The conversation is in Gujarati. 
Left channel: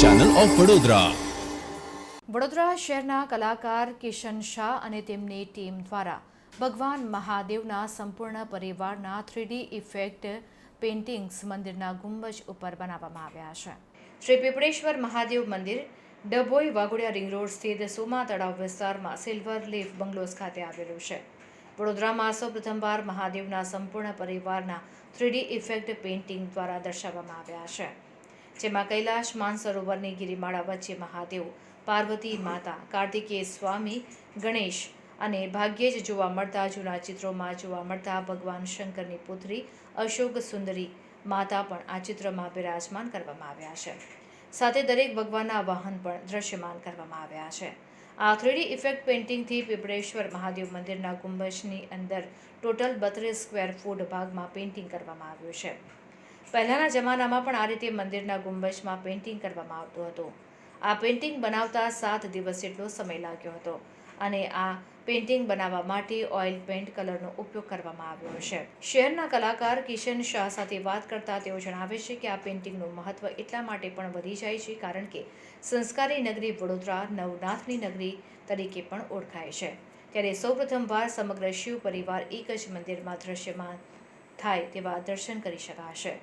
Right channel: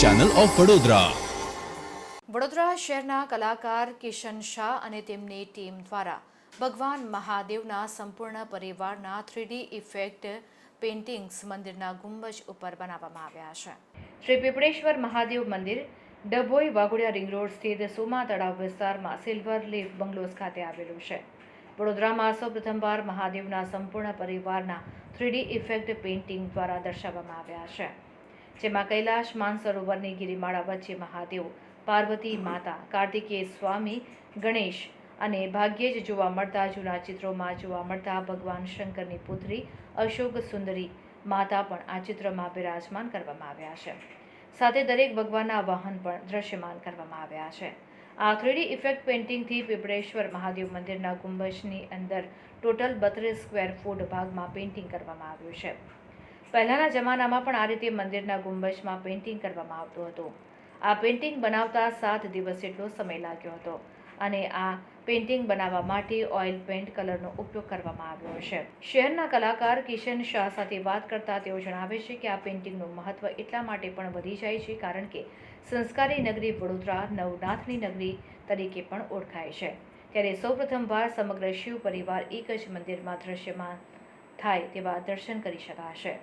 Channel of Vadodara. વડોદરા શહેરના કલાકાર કિશન શાહ અને તેમની ટીમ દ્વારા ભગવાન મહાદેવના સંપૂર્ણ પરિવારના 3D ઇફેક્ટ પેઇન્ટિંગ્સ મંદિરના ગુંબજ ઉપર બનાવવામાં આવ્યા છે. શ્રી પીપળેશ્વર મહાદેવ મંદિર ડભોઈ વાઘોડિયા રિંગ રોડ સ્થિત સુમા તળાવ વિસ્તારમાં સિલ્વર લીફ બંગલોઝ ખાતે આવેલું છે. વડોદરામાં સૌપ્રથમવાર મહાદેવના સંપૂર્ણ પરિવારના 3D ઇફેક્ટ પેઇન્ટિંગ દ્વારા દર્શાવવામાં આવ્યા છે, જેમાં કૈલાશ માનસરોવરની ગિરિમાળા વચ્ચે મહાદેવ, પાર્વતી માતા, કાર્તિકેય સ્વામી, ગણેશ અને ભાગ્યે જ જોવા મળતા જૂના ચિત્રોમાં જોવા મળતા ભગવાન શંકરની પુત્રી અશોક સુંદરી માતા પણ આ ચિત્રમાં બિરાજમાન કરવામાં આવ્યા છે. સાથે દરેક ભગવાનના વાહન પણ દ્રશ્યમાન કરવામાં આવ્યા છે. આ 3D ઇફેક્ટ પેઇન્ટિંગથી પીપળેશ્વર મહાદેવ મંદિરના ગુંબજની અંદર ટોટલ 32 સ્ક્વેર ફૂટ ભાગમાં પેઇન્ટિંગ કરવામાં આવ્યું છે. પહેલાંના જમાનામાં પણ આ રીતે મંદિરના ગુંબજમાં પેઇન્ટિંગ કરવામાં આવતું હતું. આ પેઇન્ટિંગ બનાવતા 7 દિવસ જેટલો સમય લાગ્યો હતો અને આ પેઇન્ટિંગ બનાવવા માટે ઓઇલ પેઇન્ટ કલરનો ઉપયોગ કરવામાં આવ્યો છે. શહેરના કલાકાર કિશન શાહ સાથે વાત કરતા તેઓ જણાવે છે કે આ પેઇન્ટિંગનું મહત્વ એટલા માટે પણ વધી જાય છે કારણ કે સંસ્કારી નગરી વડોદરા નવનાથની નગરી તરીકે પણ ઓળખાય છે. ત્યારે સૌપ્રથમવાર સમગ્ર શિવ પરિવાર એક જ મંદિરમાં દ્રશ્યમાન થાય તેવા દર્શન કરી શકાશે.